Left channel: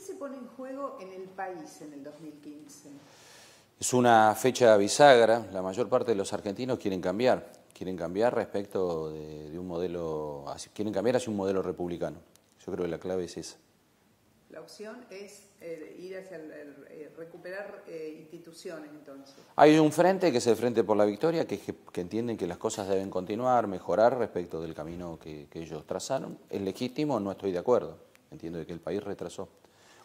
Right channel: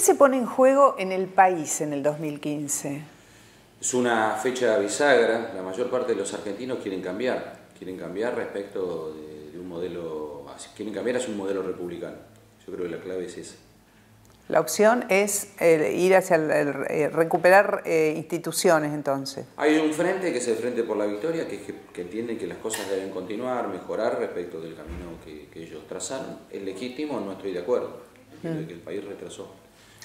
¿Qué se pone en juego en el país en el 2015? Es una fecha bisagra. La mayor parte de los argentinos quieren cambiar respecto de un modelo, quieren cambiar hacia un modelo republicano. Yo creo que la clave es esa. La opción es ir hacia recuperar instituciones, entonces. Hay un frente que es el Frente por la Victoria, que entiende que las cosas deben continuar, mejorar respecto del camino que ellos trazaron. Es legítimo, no estoy de acuerdo. Entiendo que el país retrasó.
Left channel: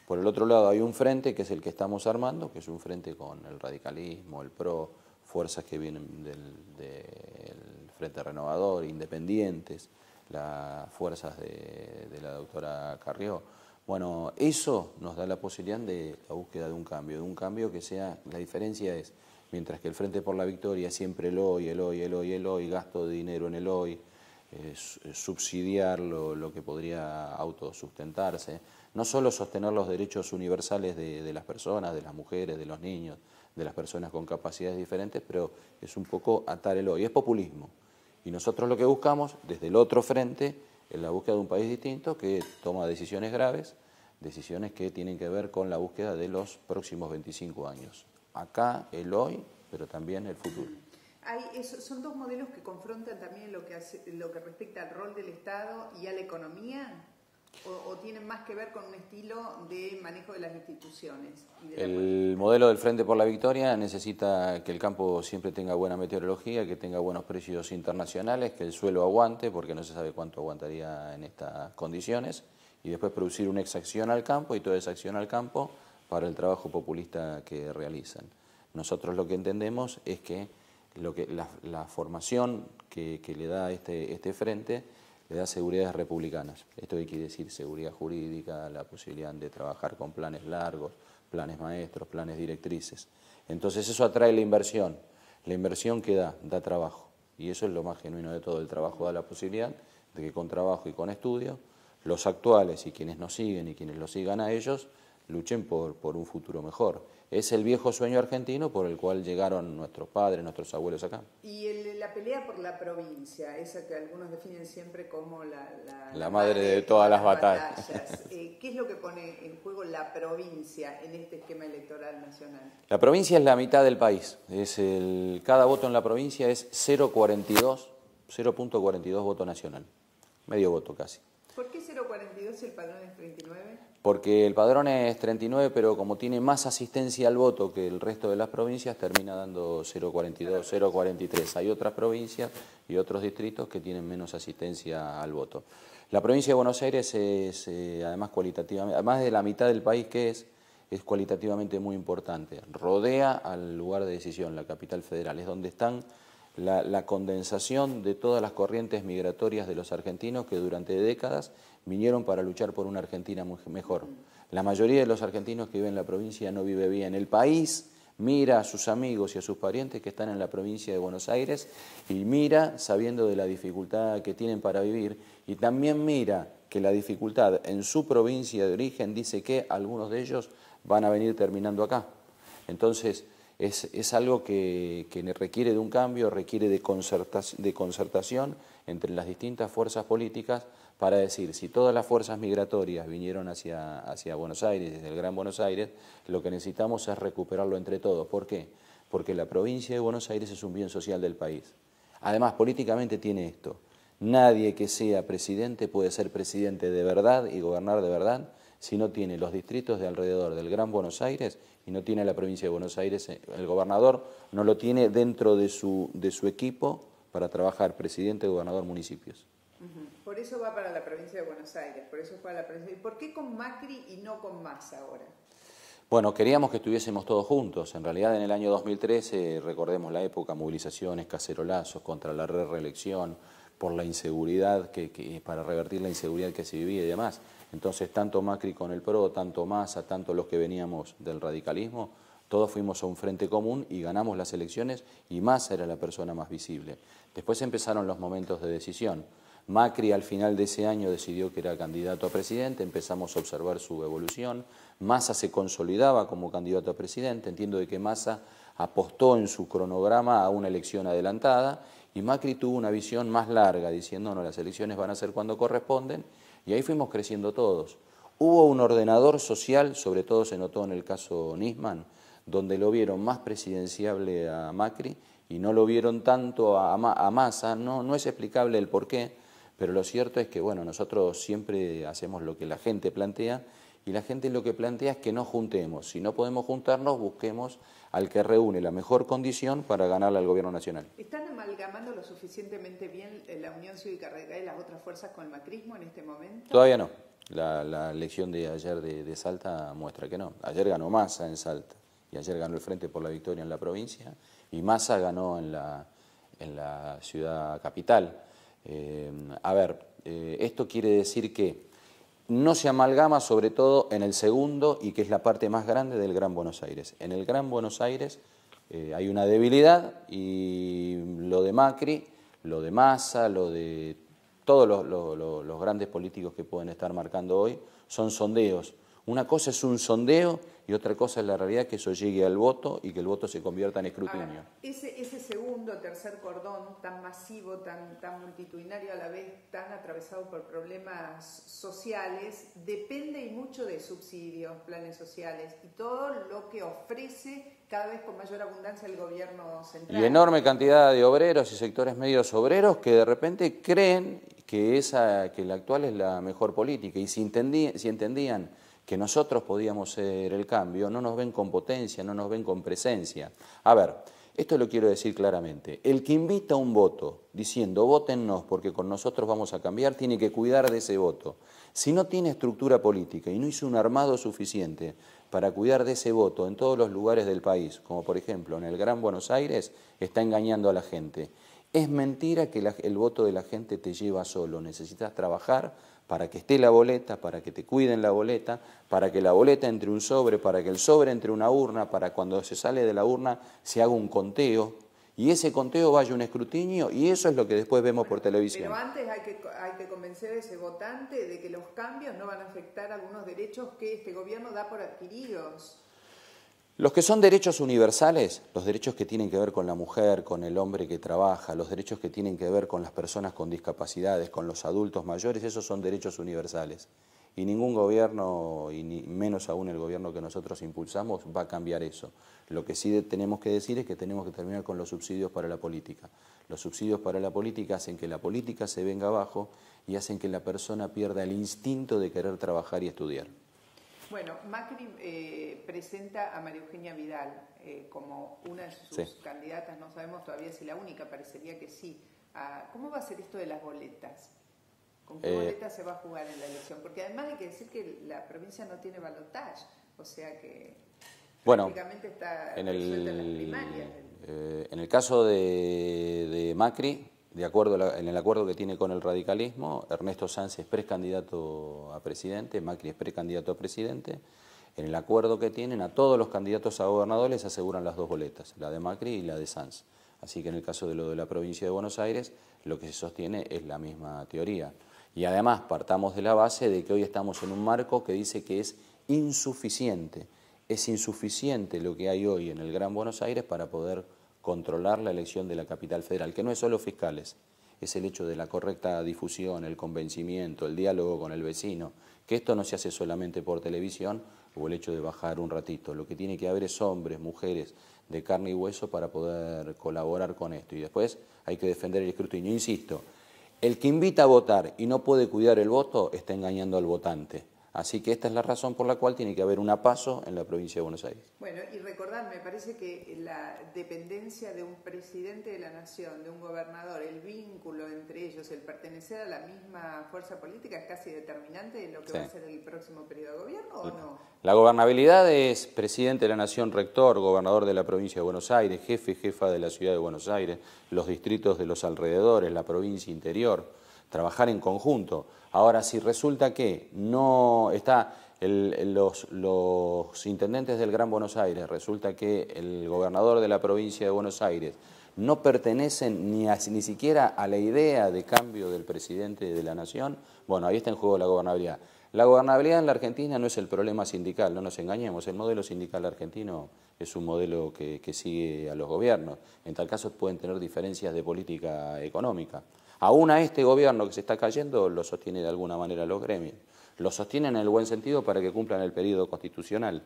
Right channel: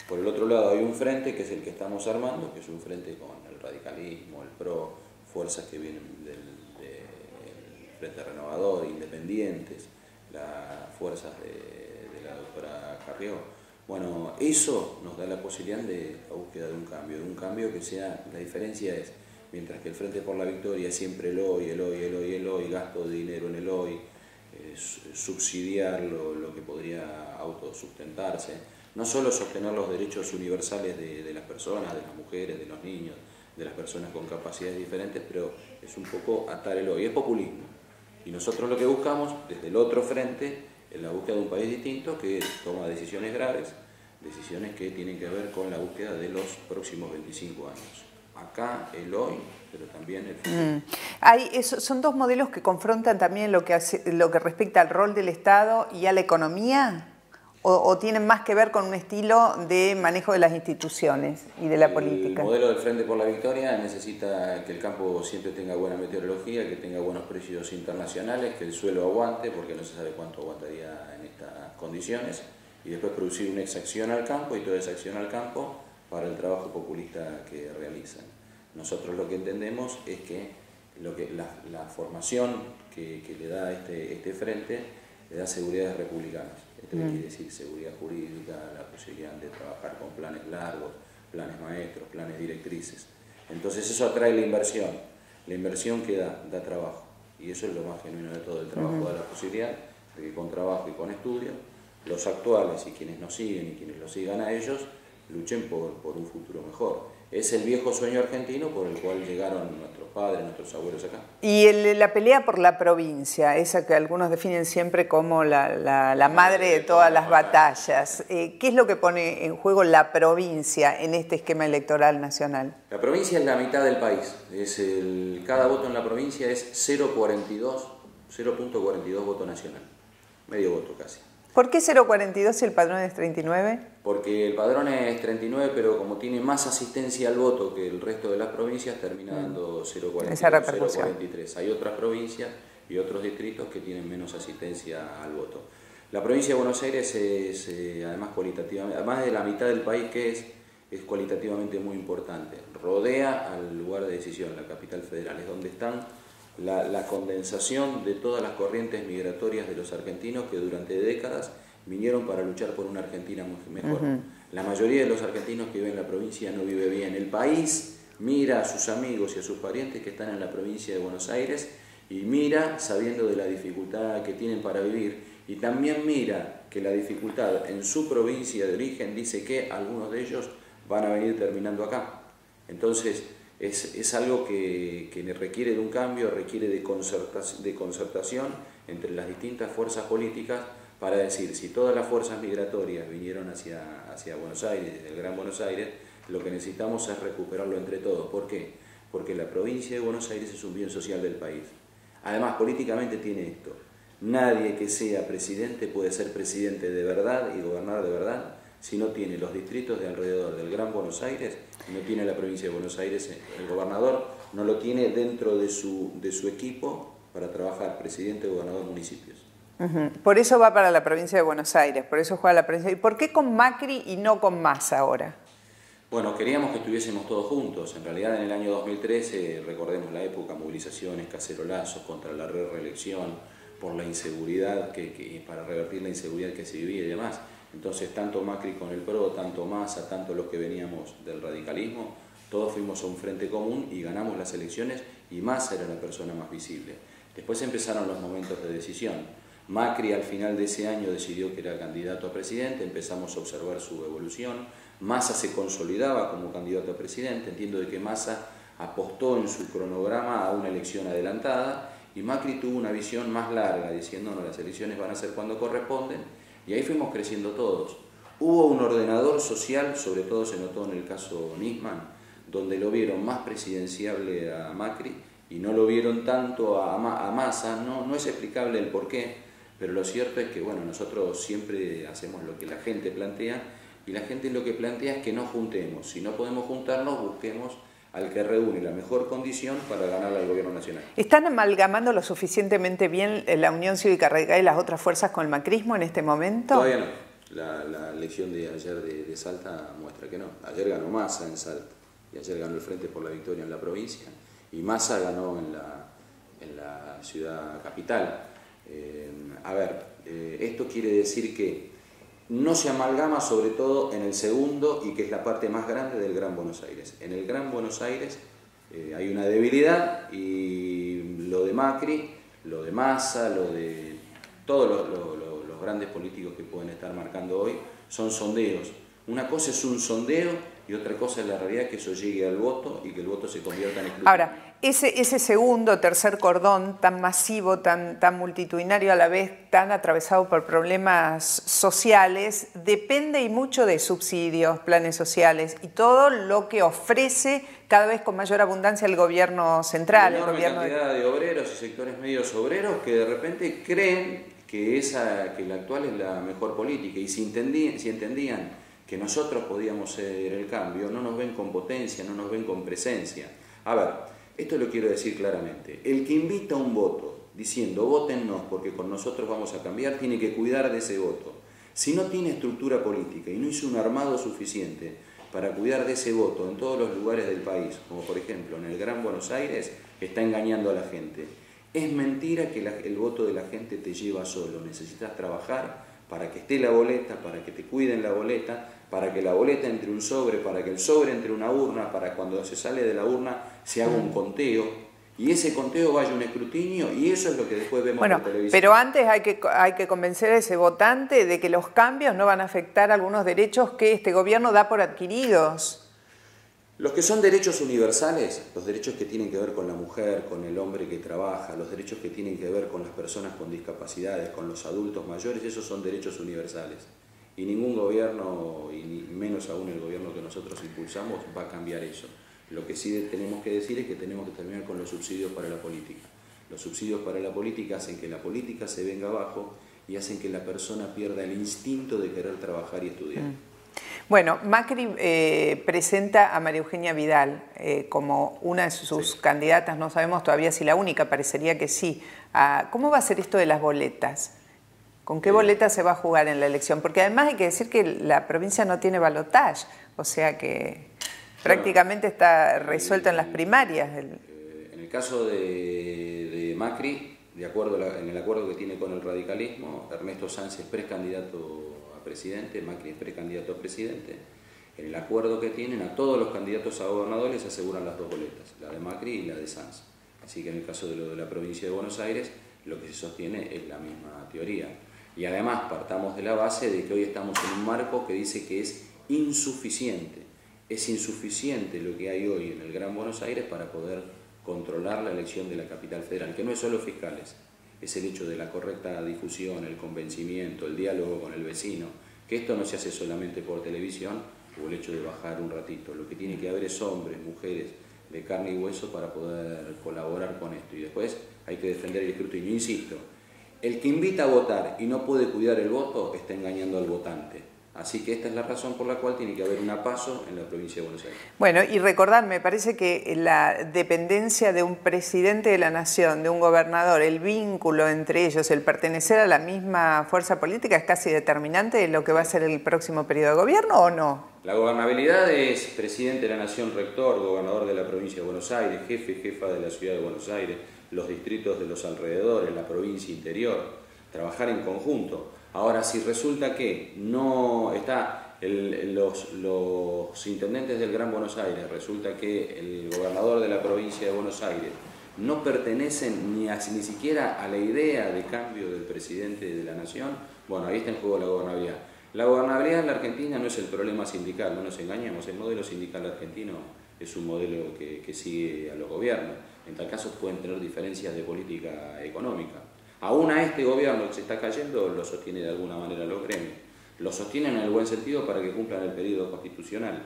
Por el otro lado hay un frente que es el que estamos armando, que es un frente con el radicalismo, el PRO, fuerzas que vienen del Frente Renovador, independientes, las fuerzas de la doctora Carrió. Bueno, eso nos da la posibilidad de la búsqueda de un cambio que sea, la diferencia es, mientras que el Frente por la Victoria es siempre el hoy, gasto de dinero en el hoy, subsidiar lo que podría autosustentarse, no solo sostener los derechos universales de las personas, de las mujeres, de los niños, de las personas con capacidades diferentes, pero es un poco atar el hoy, es populismo. Y nosotros lo que buscamos, desde el otro frente, es la búsqueda de un país distinto que toma decisiones graves, decisiones que tienen que ver con la búsqueda de los próximos 25 años. Acá, el hoy, pero también el futuro. ¿Son dos modelos que confrontan también lo que respecta al rol del Estado y a la economía? ¿O tienen más que ver con un estilo de manejo de las instituciones y de la política? El modelo del Frente por la Victoria necesita que el campo siempre tenga buena meteorología, que tenga buenos precios internacionales, que el suelo aguante, porque no se sabe cuánto aguantaría en estas condiciones, y después producir una exacción al campo y toda esa acción al campo para el trabajo populista que realizan. Nosotros lo que entendemos es que la formación que le da este frente le da seguridades republicanas. ¿Esto qué quiere decir? Seguridad jurídica, la posibilidad de trabajar con planes largos, planes maestros, planes directrices. Entonces eso atrae la inversión. La inversión que da trabajo. Y eso es lo más genuino de todo. El trabajo da la posibilidad de que con trabajo y con estudio, los actuales y quienes nos siguen y quienes los sigan a ellos, luchen por un futuro mejor. Es el viejo sueño argentino por el cual llegaron nuestros padres, nuestros abuelos acá. Y la pelea por la provincia, esa que algunos definen siempre como la madre de todas las batallas. ¿Qué es lo que pone en juego la provincia en este esquema electoral nacional? La provincia es la mitad del país. Cada voto en la provincia es 0,42 voto nacional. Medio voto casi. ¿Por qué 0,42 si el padrón es 39? Porque el padrón es 39, pero como tiene más asistencia al voto que el resto de las provincias, termina dando 0,43. Hay otras provincias y otros distritos que tienen menos asistencia al voto. La provincia de Buenos Aires es, además de la mitad del país que es cualitativamente muy importante. Rodea al lugar de decisión, la capital federal, es donde están la condensación de todas las corrientes migratorias de los argentinos que durante décadas vinieron para luchar por una Argentina mejor. La mayoría de los argentinos que viven en la provincia no vive bien. El país mira a sus amigos y a sus parientes que están en la provincia de Buenos Aires y mira sabiendo de la dificultad que tienen para vivir y también mira que la dificultad en su provincia de origen dice que algunos de ellos van a venir terminando acá. Entonces, es algo que requiere de un cambio, requiere de concertación entre las distintas fuerzas políticas para decir, si todas las fuerzas migratorias vinieron hacia Buenos Aires, desde el Gran Buenos Aires, lo que necesitamos es recuperarlo entre todos. ¿Por qué? Porque la provincia de Buenos Aires es un bien social del país. Además, políticamente tiene esto. Nadie que sea presidente puede ser presidente de verdad y gobernar de verdad si no tiene los distritos de alrededor del Gran Buenos Aires y no tiene la provincia de Buenos Aires. El gobernador no lo tiene dentro de su equipo para trabajar presidente, gobernador, municipios. Por eso va para la provincia de Buenos Aires, por eso juega la provincia. ¿Y por qué con Macri y no con Massa ahora? Bueno, queríamos que estuviésemos todos juntos. En realidad en el año 2013, recordemos la época, movilizaciones, cacerolazos contra la reelección, por la inseguridad, para revertir la inseguridad que se vivía y demás. Entonces, tanto Macri con el PRO, tanto Massa, tanto los que veníamos del radicalismo, todos fuimos a un frente común y ganamos las elecciones y Massa era la persona más visible. Después empezaron los momentos de decisión. Macri al final de ese año decidió que era candidato a presidente, empezamos a observar su evolución. Massa se consolidaba como candidato a presidente, entiendo de que Massa apostó en su cronograma a una elección adelantada y Macri tuvo una visión más larga, diciendo no, las elecciones van a ser cuando corresponden, y ahí fuimos creciendo todos. Hubo un ordenador social, sobre todo se notó en el caso Nisman, donde lo vieron más presidenciable a Macri y no lo vieron tanto a Massa. No es explicable el porqué, pero lo cierto es que bueno, nosotros siempre hacemos lo que la gente plantea, y la gente lo que plantea es que nos juntemos. Si no podemos juntarnos, busquemos al que reúne la mejor condición para ganarle al gobierno nacional. ¿Están amalgamando lo suficientemente bien la Unión Cívica Radical y las otras fuerzas con el macrismo en este momento? Todavía no. La elección de ayer de Salta muestra que no. Ayer ganó Massa en Salta, y ayer ganó el Frente por la Victoria en la provincia, y Massa ganó en la ciudad capital. Esto quiere decir que no se amalgama, sobre todo en el segundo, y que es la parte más grande del Gran Buenos Aires. En el Gran Buenos Aires hay una debilidad, y lo de Macri, lo de Massa, lo de todos los grandes políticos que pueden estar marcando hoy son sondeos. Una cosa es un sondeo y otra cosa es la realidad, que eso llegue al voto y que el voto se convierta en escrutinio. Ahora, ese segundo, tercer cordón tan masivo, tan multitudinario, a la vez tan atravesado por problemas sociales, depende y mucho de subsidios, planes sociales y todo lo que ofrece cada vez con mayor abundancia el gobierno central. Una enorme cantidad de obreros y sectores medios obreros que de repente creen que la actual es la mejor política, y si entendían que nosotros podíamos ser el cambio, no nos ven con potencia, no nos ven con presencia. A ver, esto lo quiero decir claramente. El que invita a un voto diciendo vótennos porque con nosotros vamos a cambiar, tiene que cuidar de ese voto. Si no tiene estructura política y no hizo un armado suficiente para cuidar de ese voto en todos los lugares del país, como por ejemplo en el Gran Buenos Aires, está engañando a la gente. Es mentira que el voto de la gente te lleva solo. Necesitas trabajar para que esté la boleta, para que te cuiden la boleta, para que la boleta entre un sobre, para que el sobre entre una urna, para cuando se sale de la urna se haga un conteo, y ese conteo vaya a un escrutinio, y eso es lo que después vemos por televisión. Pero antes hay que convencer a ese votante de que los cambios no van a afectar algunos derechos que este gobierno da por adquiridos. Los que son derechos universales, los derechos que tienen que ver con la mujer, con el hombre que trabaja, los derechos que tienen que ver con las personas con discapacidades, con los adultos mayores, esos son derechos universales. Y ningún gobierno, y menos aún el gobierno que nosotros impulsamos, va a cambiar eso. Lo que sí tenemos que decir es que tenemos que terminar con los subsidios para la política. Los subsidios para la política hacen que la política se venga abajo y hacen que la persona pierda el instinto de querer trabajar y estudiar. Bueno, Macri presenta a María Eugenia Vidal como una de sus candidatas, no sabemos todavía si la única, parecería que sí. ¿Cómo va a ser esto de las boletas? ¿Con qué boletas se va a jugar en la elección? Porque además hay que decir que la provincia no tiene balotaje, o sea que prácticamente está resuelta en las primarias. En el caso de Macri, en el acuerdo que tiene con el radicalismo, Ernesto Sanz es precandidato a presidente, Macri es precandidato a presidente. En el acuerdo que tienen, a todos los candidatos a gobernadores aseguran las dos boletas, la de Macri y la de Sanz. Así que en el caso de lo de la provincia de Buenos Aires, lo que se sostiene es la misma teoría. Y además partamos de la base de que hoy estamos en un marco que dice que es insuficiente. Es insuficiente lo que hay hoy en el Gran Buenos Aires para poder controlar la elección de la capital federal, que no es solo fiscales, es el hecho de la correcta difusión, el convencimiento, el diálogo con el vecino, que esto no se hace solamente por televisión o el hecho de bajar un ratito. Lo que tiene que haber es hombres, mujeres de carne y hueso para poder colaborar con esto, y después hay que defender el escrutinio. Insisto, el que invita a votar y no puede cuidar el voto está engañando al votante. Así que esta es la razón por la cual tiene que haber un paso en la provincia de Buenos Aires. Bueno, y recordar, me parece que la dependencia de un presidente de la nación, de un gobernador, el vínculo entre ellos, el pertenecer a la misma fuerza política es casi determinante de lo que va a ser el próximo periodo de gobierno, ¿o no? La gobernabilidad es presidente de la nación, rector, gobernador de la provincia de Buenos Aires, jefa de la ciudad de Buenos Aires, los distritos de los alrededores, la provincia interior, trabajar en conjunto. Ahora, si resulta que no está los intendentes del Gran Buenos Aires, resulta que el gobernador de la provincia de Buenos Aires no pertenecen ni siquiera a la idea de cambio del presidente de la nación, bueno, ahí está en juego la gobernabilidad. La gobernabilidad en la Argentina no es el problema sindical, no nos engañemos, el modelo sindical argentino es un modelo que sigue a los gobiernos. En tal caso pueden tener diferencias de política económica. Aún a este gobierno que se está cayendo lo sostiene de alguna manera los gremios. Lo sostienen en el buen sentido para que cumplan el periodo constitucional.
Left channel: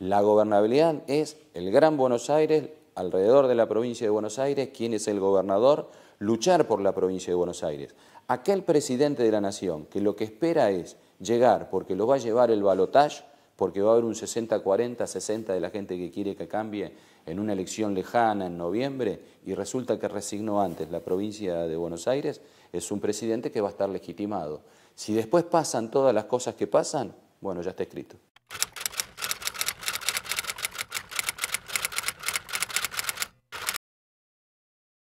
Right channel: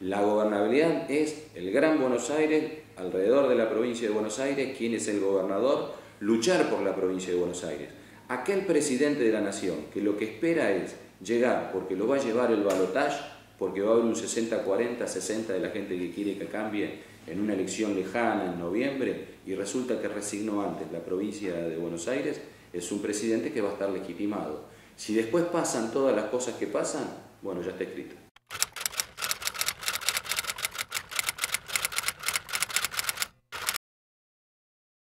La gobernabilidad es el Gran Buenos Aires, alrededor de la provincia de Buenos Aires, quién es el gobernador, luchar por la provincia de Buenos Aires. Aquel presidente de la nación que lo que espera es llegar, porque lo va a llevar el balotaje, porque va a haber un 60-40, 60 de la gente que quiere que cambie en una elección lejana en noviembre, y resulta que resignó antes la provincia de Buenos Aires, es un presidente que va a estar legitimado. Si después pasan todas las cosas que pasan, bueno, ya está escrito.